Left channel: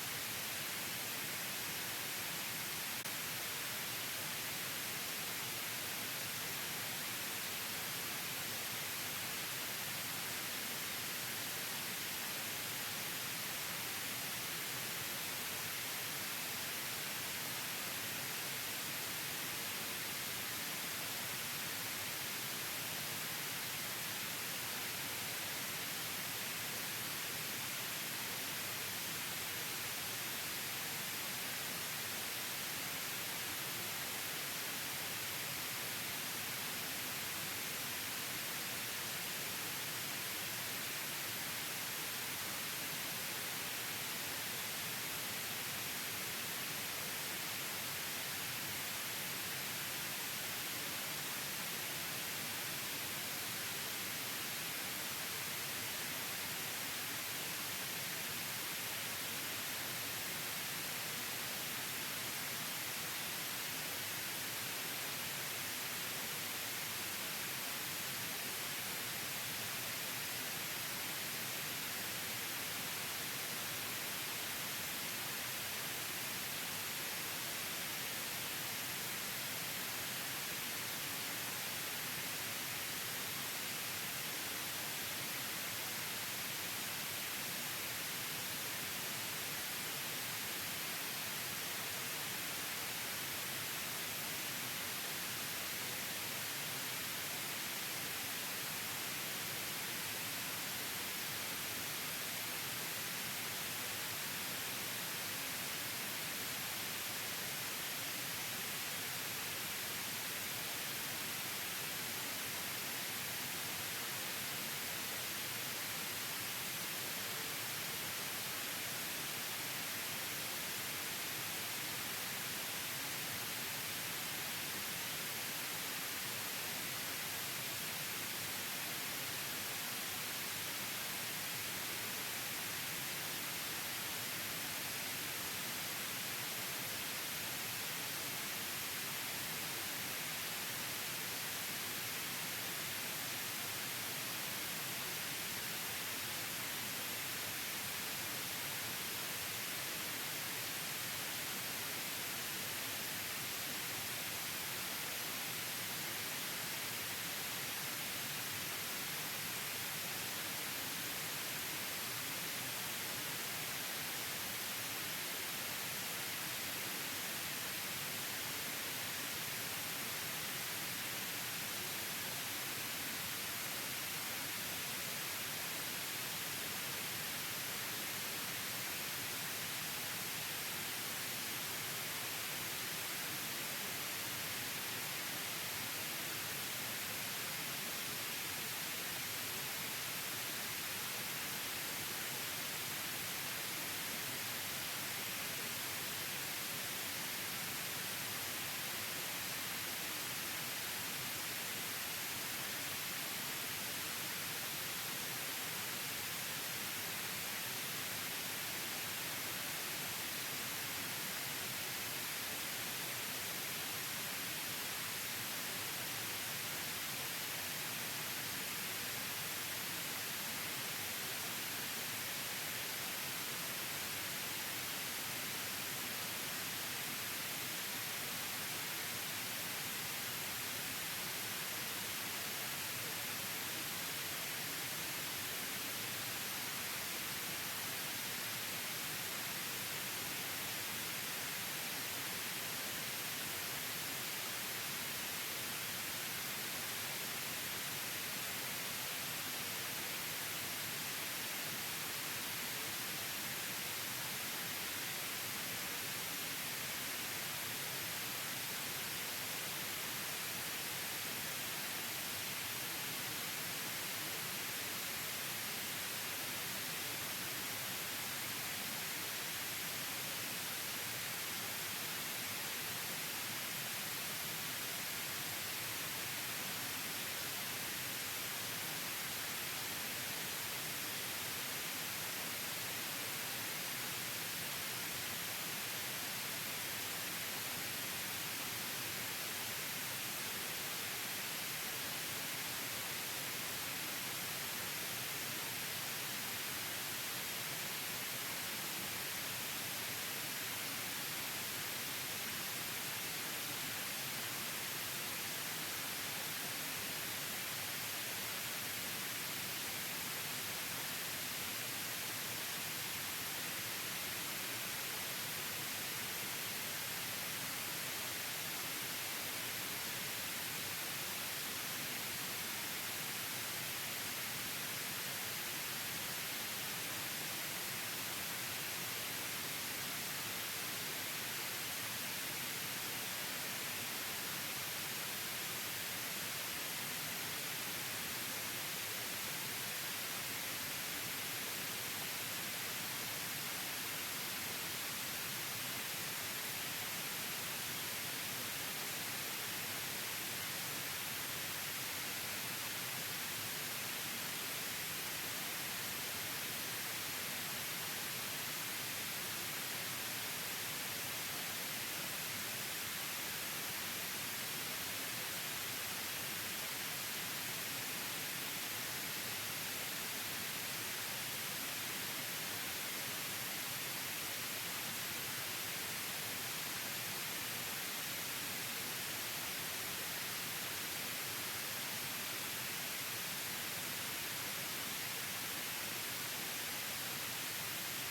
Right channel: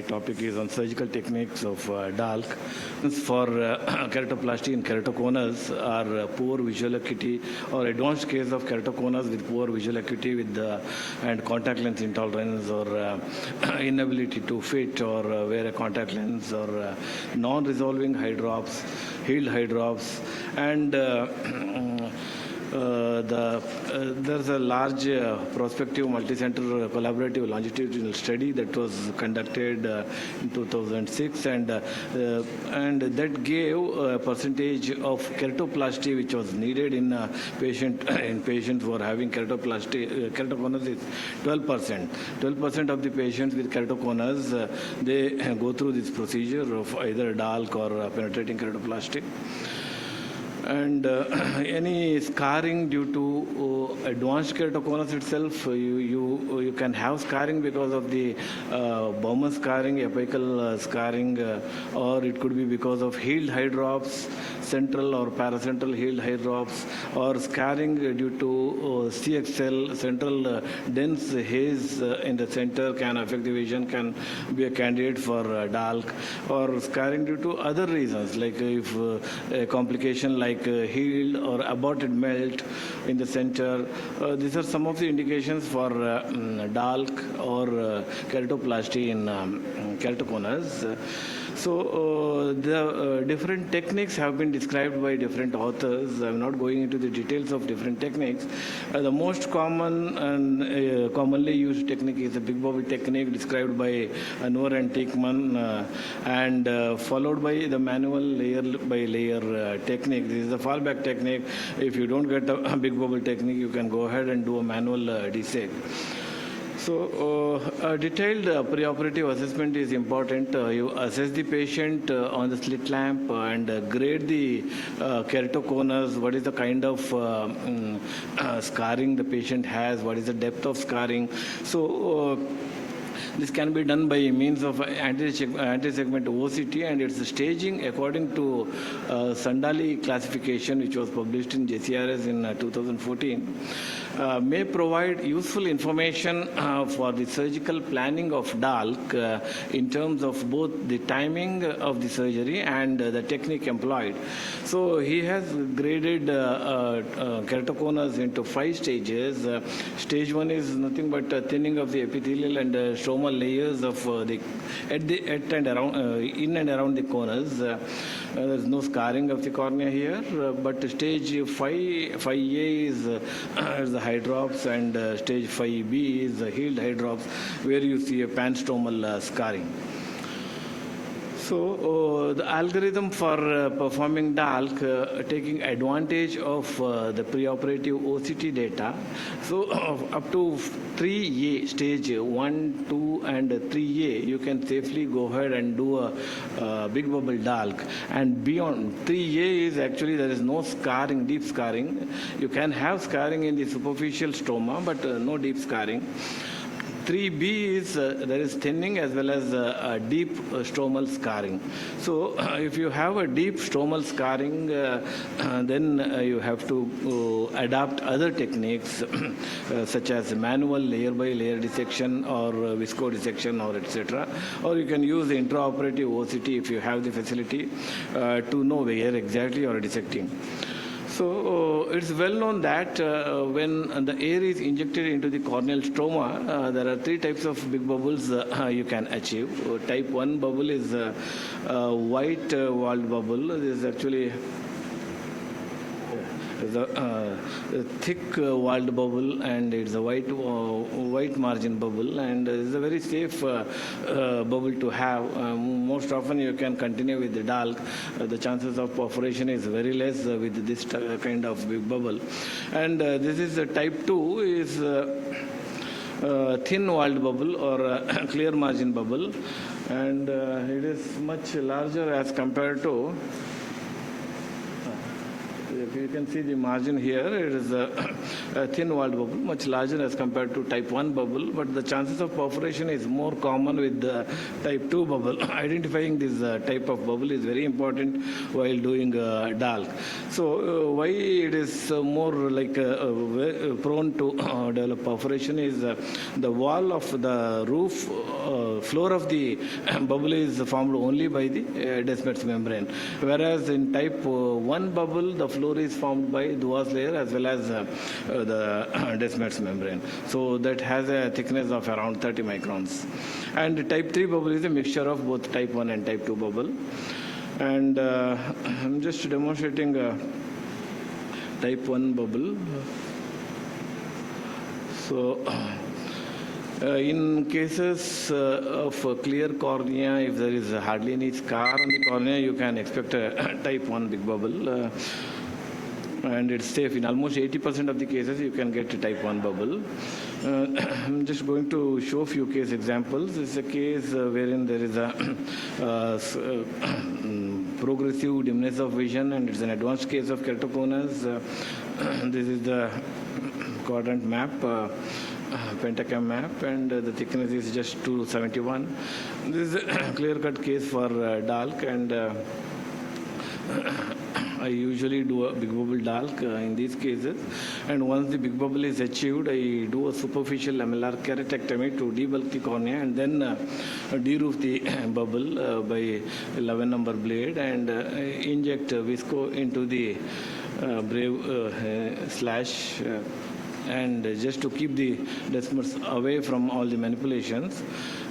My topic is on surgical techniques of DALK. For keratoplasty in keratoconus are poor visual acuity or advanced case of keratoconus with poor visual acuity with and contact lens intolerance or inability to fit or wear a contact lens or non-resolving eye drops, healed eye drops, and there's a large prospective multi-center collaborative longitudinal study that was conducted in 2006 and that gave a percentage of keratoplasty which was needed in patients who are having keratoconus is 12%. 12% of the patients with keratoconus they go through this procedure of either DALK or penetrating keratoplasty. And any scarring due to advanced keratoconus itself, you can have scarring because of the Bowman scarring, apical scarring, or it could be because of healed eye drops, central or paracentral healed eye drops, or scarring due to CXL, central dense haze in the center can affect the vision, can be a candidate for DALK, or scarring due to other reasons, like if a complication like healed or aborted melt in the center. These are some of the indications for DALK or keratoplasty in keratoconus. So the different techniques have been described by different authors. I'm not going into the details of different techniques. The most common and commonly used technique is the big bubble technique described by Noor and Tickman and followed by the manual layer by layer technique. This is a fallback technique. If you don't get a big bubble technique, you can go ahead and do a manual deseg. So, a detailed preoperative assessment is important. You assess the patient on the slit lamp and grade the keratoconus, what is the kind of scarring the patient has, what is the depth of scarring. So, this can be done by means of anti-segment OCT and its staging according to Sandali classification, which was published in JCRS in 2014. May provide useful information for the surgical planning of DALK in terms of both the timing of the surgery and the technique employed. So he has graded keratoconus into 5 stages. Stage 1 is nothing but thinning of the epithelial and stromal layers of at and around, in and around the conus. There's no scarring of the cornea here, but stage 5A is the eye drops, and stage 5B is the healed eye drops, where you see a panstromal scarring. So the algorithm for performing DALK, taking advantage of the preoperative OCT data. So up to 3A, stage 1, 2, and 3A, you can safely go ahead and do a big bubble DALK. And beyond 3A is actually there is no scarring, deep scarring. You can have scarring in the superficial stroma, but no deep scarring. 3B is there is thinning as well as deep stromal scarring. So if you have a deep stromal scarring, then you have to adapt other techniques such as manual layer by layer dissection or visco dissection or etc. Or you can use the intraoperative OCT if you have the facility to know where exactly you are dissecting. So it's well known that when the air is injected into the corneal stroma, there are 3 types of big bubbles you can achieve. Type 1 bubble is white walled bubble. This is actually the thick walled bubble, and it's a white margin bubble, and it's a very safe bubble to have. Most often you can continue with the DALK. The chances of perforation is very less with this kind of big bubble. And this is type 2 is thin walled bubble or clear margin bubble, and it is much larger as compared to. You can see the margin here. It is thin walled bubble, much larger as compared to type 1 bubble, but the chances of perforation is more common with the type 2 bubble. Identifying this type of bubble is very important while doing DALK. So why it is more like prone to develop perforation is the wall of the roof, floor of the bubble is formed only by the Descemet's membrane, whereas in type 1 bubble, the floor is formed by Duas layer as well as the Descemet's membrane. So that has a thickness of around 30 microns. And type 3 bubble is a mixture of both type 1 and type 2 bubble. And I'm just demonstrating type 1 bubble. So in cases of clear cornea, if there is hardly any scar on the cornea, you can expect a type 1 big bubble. And it's safe. In almost 80% of the cases, you can get a type 1 bubble. I'm just going to show a few case examples. This is a case wherein there is a progressive dimness of vision, and it's an advanced case of keratoconus. This is the quadrant map, pentacam map, and the thickness is just 271. This is a clear-cut case for DALK, and I usually do a big bubble DALK in these cases. And once the big bubble is achieved, I do a superficial lamellar keratectomy to debulk the cornea and then deroof the bubble by 11 number blade and inject visco into the brave slash and just to keep the descemet's away from all the manipulations.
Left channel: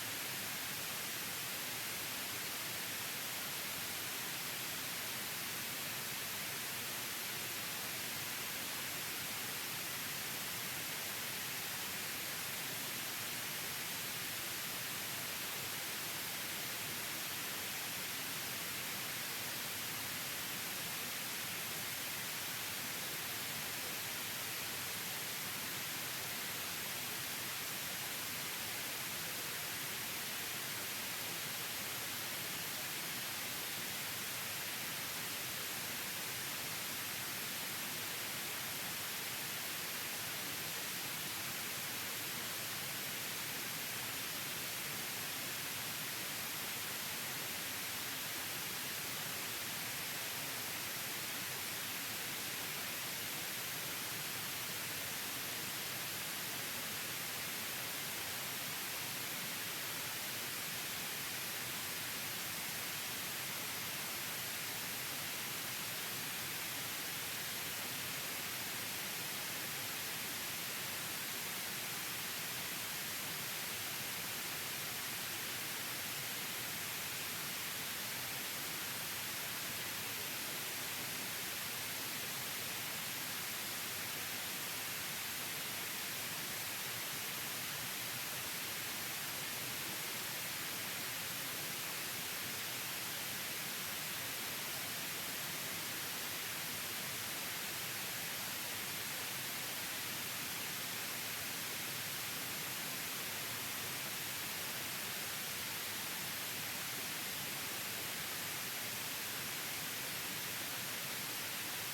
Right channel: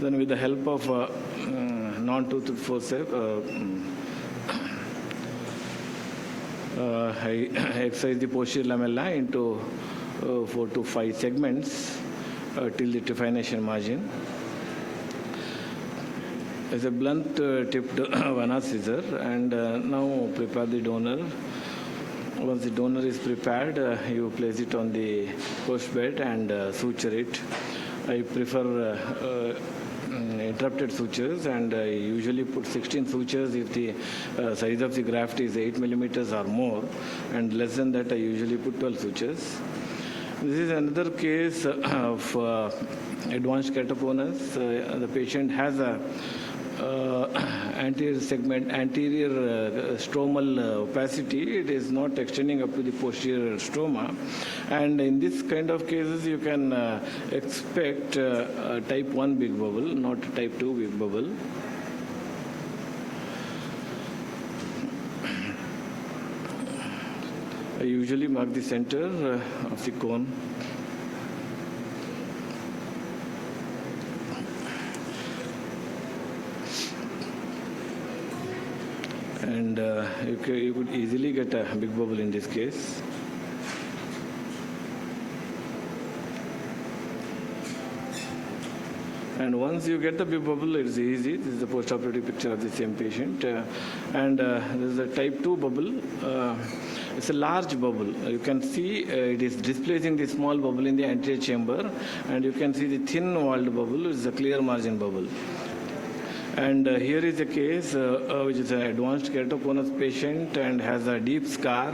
Then with the help of non-toothed forceps, I excise the posterior lamella into 4 to 5 segments till the trephination margin. As a blunt tipped Vanna scissor, and now prepare the donor. Once the donor is prepared, you place it on the post bed and suture it. I prefer interrupted sutures, and I usually put 16 sutures if the size of the graft is 8 millimeters or more, and less than that I usually put 12 sutures. This is another case of advanced keratoconus. The patient has a anterior segment, anterior stromal opacity. It is not extending up to the posterior stroma. And in this kind of cases, you can expect type 1 big bubble, not type 2 big bubble. I usually mark the center of the cone. And you could easily get a big bubble in this case. And once you get the big bubble, it's easy. This is the post-operative picture of the same patient. And this is a type 2 bubble. It's a large bubble. You can see it is displacing the small bubble in the anterior chamber. And you can see the thin-walled bubble is a clear margin bubble. And here is a case which is an advanced keratoconus patient and has a deep scar.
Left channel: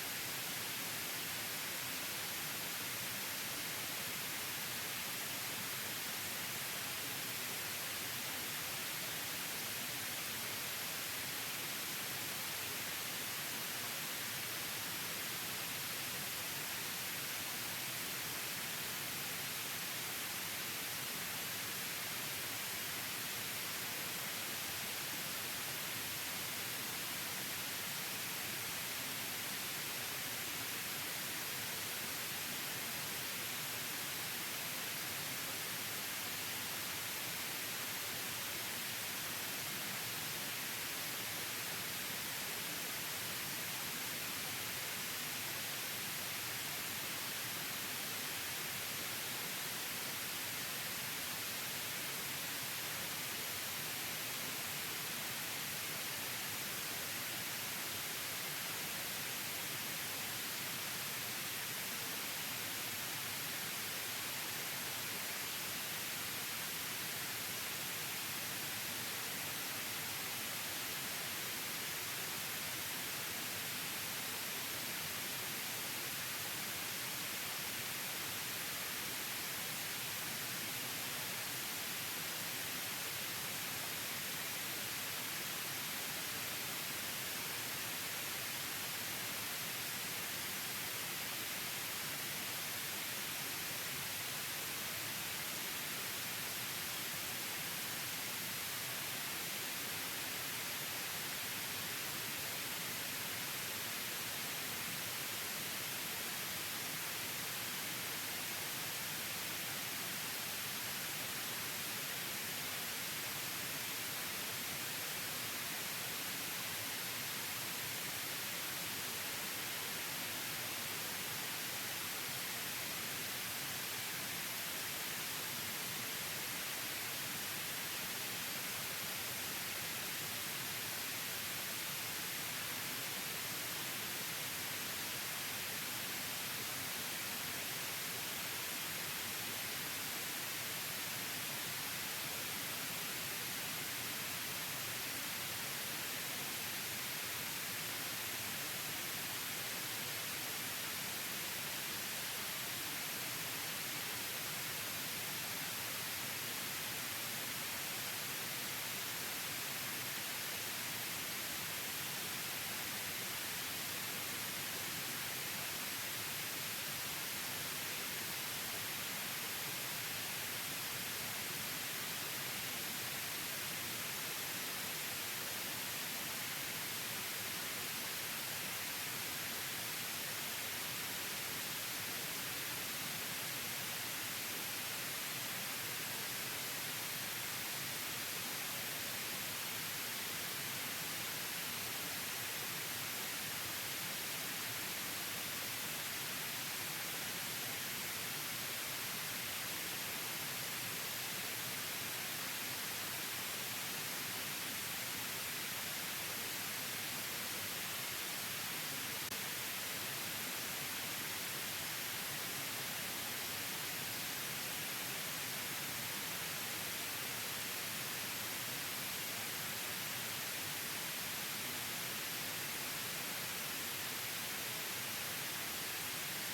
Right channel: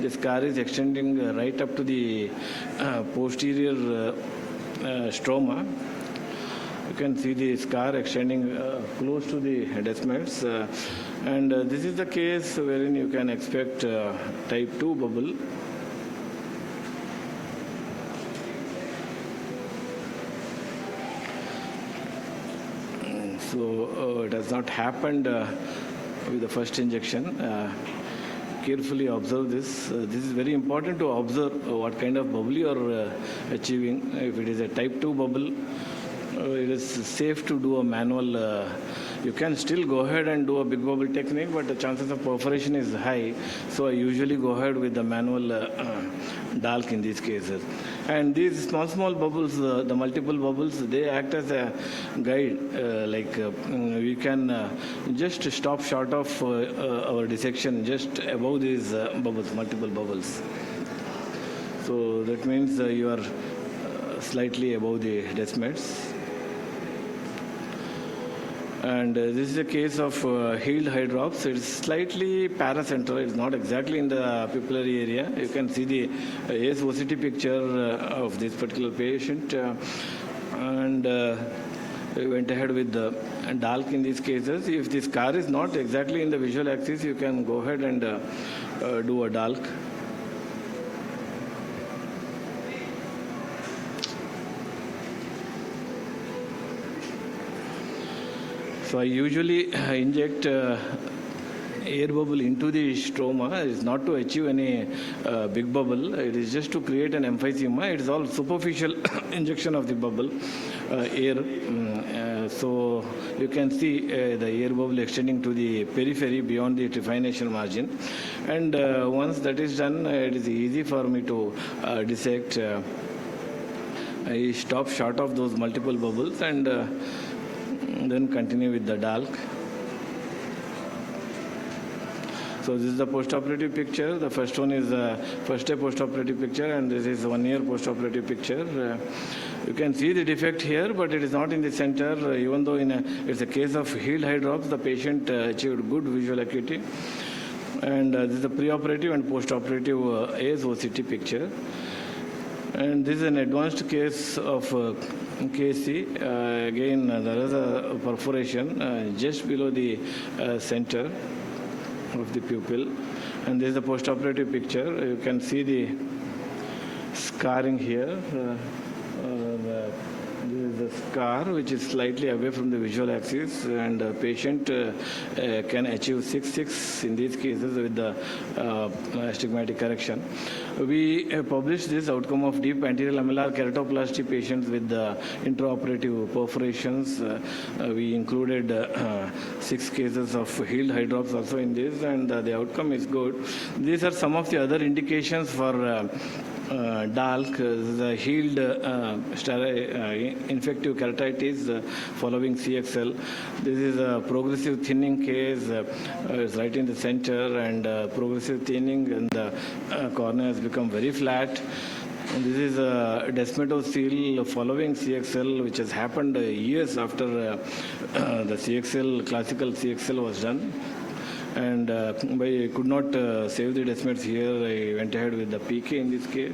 The scar is extending right up to the posterior stroma. You can see the scar extending close to the descemet's. And this is the case wherein you can expect type 2 bubble. So it has not happened with the first injection. Carefully observe this. This is very important to observe what kind of bubble you are achieving. If it is a type 2 bubble, it is safe to do a manual. You can still go ahead and do a big bubble technique, but the chances of perforation is high. So I usually go ahead with the manual DALK in these cases. And these small bubbles, the multiple bubbles, they act as a guide. We can just stop short of our dissection just above these bubbles, multiple bubbles. So that means you are slightly above the descemet's. And this is a case of healed hydrops. It's slightly paracentral. It's not exactly in the pupillary area. You can see the ASOCT picture of this particular patient. And we went ahead with the DALK in these cases. If the scar is not exactly in the visual axis, you can go ahead and do a DALK. So I usually inject air bubble into the stroma. It's not to achieve any big bubble. It is just to create an emphysema. It is all superficial injection of the bubble air. So you can see the air bubble extending to the periphery beyond the trephination margin. And once that is done, it is easy for me to dissect. I stop short of those multiple bubbles and then continue with the DALK. So this is the post-operative picture. The first one is the first day post-operative picture, and this is 1 year post-operative picture. You can see the defect here, but it is not in the center. Even though it's a case of healed hydrops, the patient achieved good visual acuity. And this is the preoperative and post-operative ASOCT picture. And this is an advanced case of KC. Again, there is a perforation just below the center of the pupil. And this is a post-operative picture. You can see the scarring here. This is a scar which is slightly away from the visual axis, and the patient can achieve 6/6 in these cases with the astigmatic correction. We published this outcome of deep anterior lamellar keratoplasty patients with intraoperative perforations. We included 6 cases of healed hydrops also in this, and the outcome is good. These are some of the other indications for DALK, the healed infective keratitis following CXL. This is a progressive thinning case, it's right in the center, and progressive thinning, and the cornea has become very flat. And this is a desmetocele following CXL, which has happened years after the CXL, classical CXL was done. And I could not save the desmets here. I went ahead with the PK in this case.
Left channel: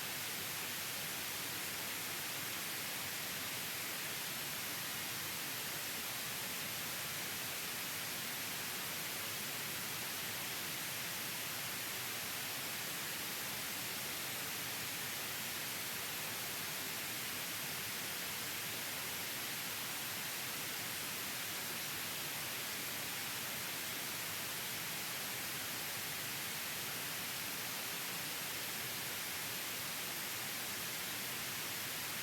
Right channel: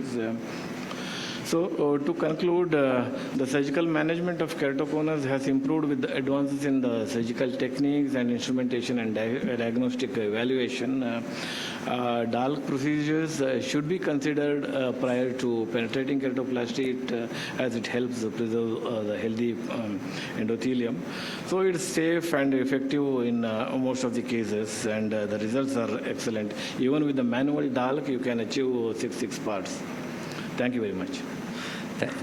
So to conclude, the surgical management of keratoconus has improved with the advances in the surgical techniques and instrumentation and diagnostic evaluation. DALK procedures should be considered prior to penetrating keratoplasty as it helps preserve the healthy endothelium. So it's safe and effective in most of the cases, and the results are excellent. Even with the manual DALK, you can achieve 6 parts. Thank you very much.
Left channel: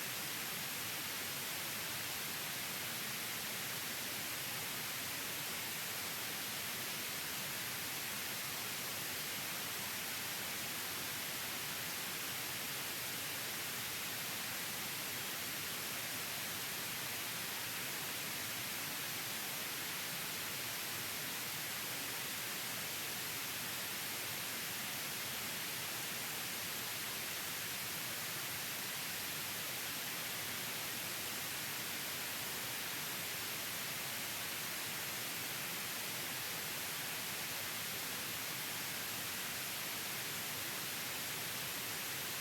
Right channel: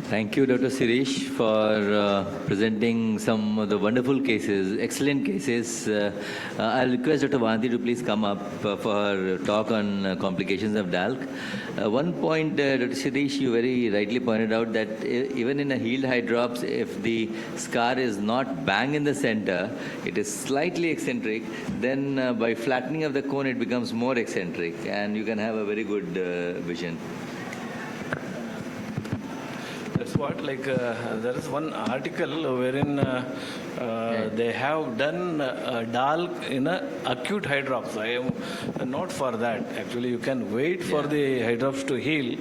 Thank you, Dr. Shreesh, for presenting some of the wonderful cases, excellent cases. I'll request Dr. Vanti to please come up for her talk on complications of DALK. One point, Dr. Shreesh, you very rightly pointed out that even in a healed hydrops, if the scar is not bang in the center, it is slightly eccentric, then by flattening of the cone, it becomes more eccentric, and you can have a very good vision. Like there is one article wherein they have done DALK in a acute hydrops. I am not for that. Actually, you can wait for the hydrops to heal,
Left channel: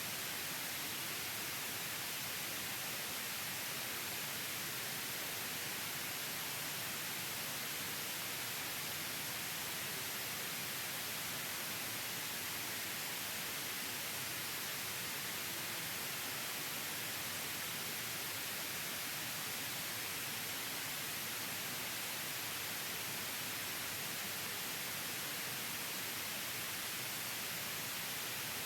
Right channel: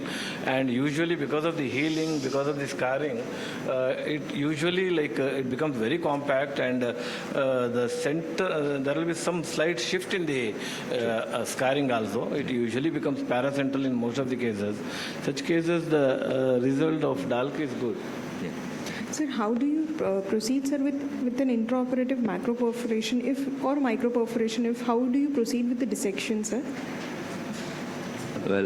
and usually because of the healing, because of the scarring, it usually it becomes very compact, and the center there will be some slight shift in the scarring also. It usually becomes paracentral in most of the cases. Such cases, the result of DALK is good. Sir, how do you proceed, sir, with an intraoperative macroperforation or microperforation? How do you proceed with the dissection, sir? Well,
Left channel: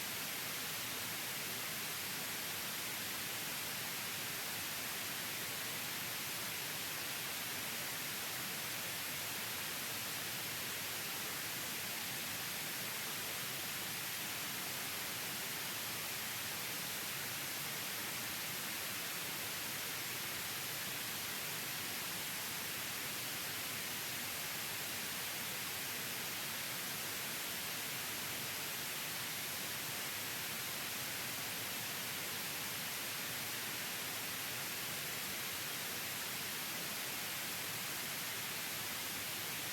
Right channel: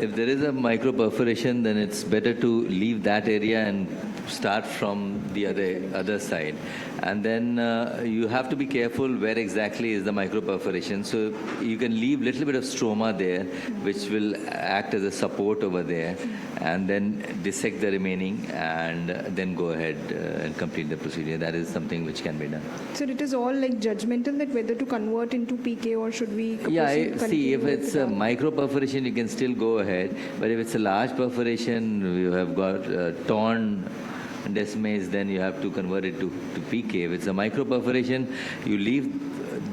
if there is a microperforation, then it's better to leave that area and start from the other side. And then you have to be careful where exactly is the microperforation. So you can leave a little bit of stroma there, which will act as a support over there, and then dissect the remaining, and then go ahead and complete the procedure. That is something which can be done. So it is all like judgmental that whether to convert into PK or should we? Yeah, see, if it's a microperforation, you can still go ahead. But if it's a large perforation, you have got torn Desmase, then you have to convert it to PK. If it's a microperforation, you leave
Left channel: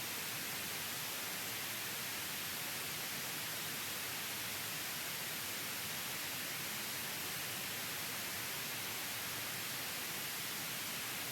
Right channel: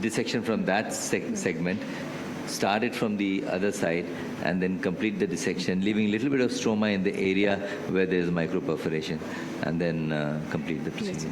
dissection from that segment, start it from the other side, and then complete the dissection, leaving a little bit of stroma in the area where there is microperforation, and then complete the procedure.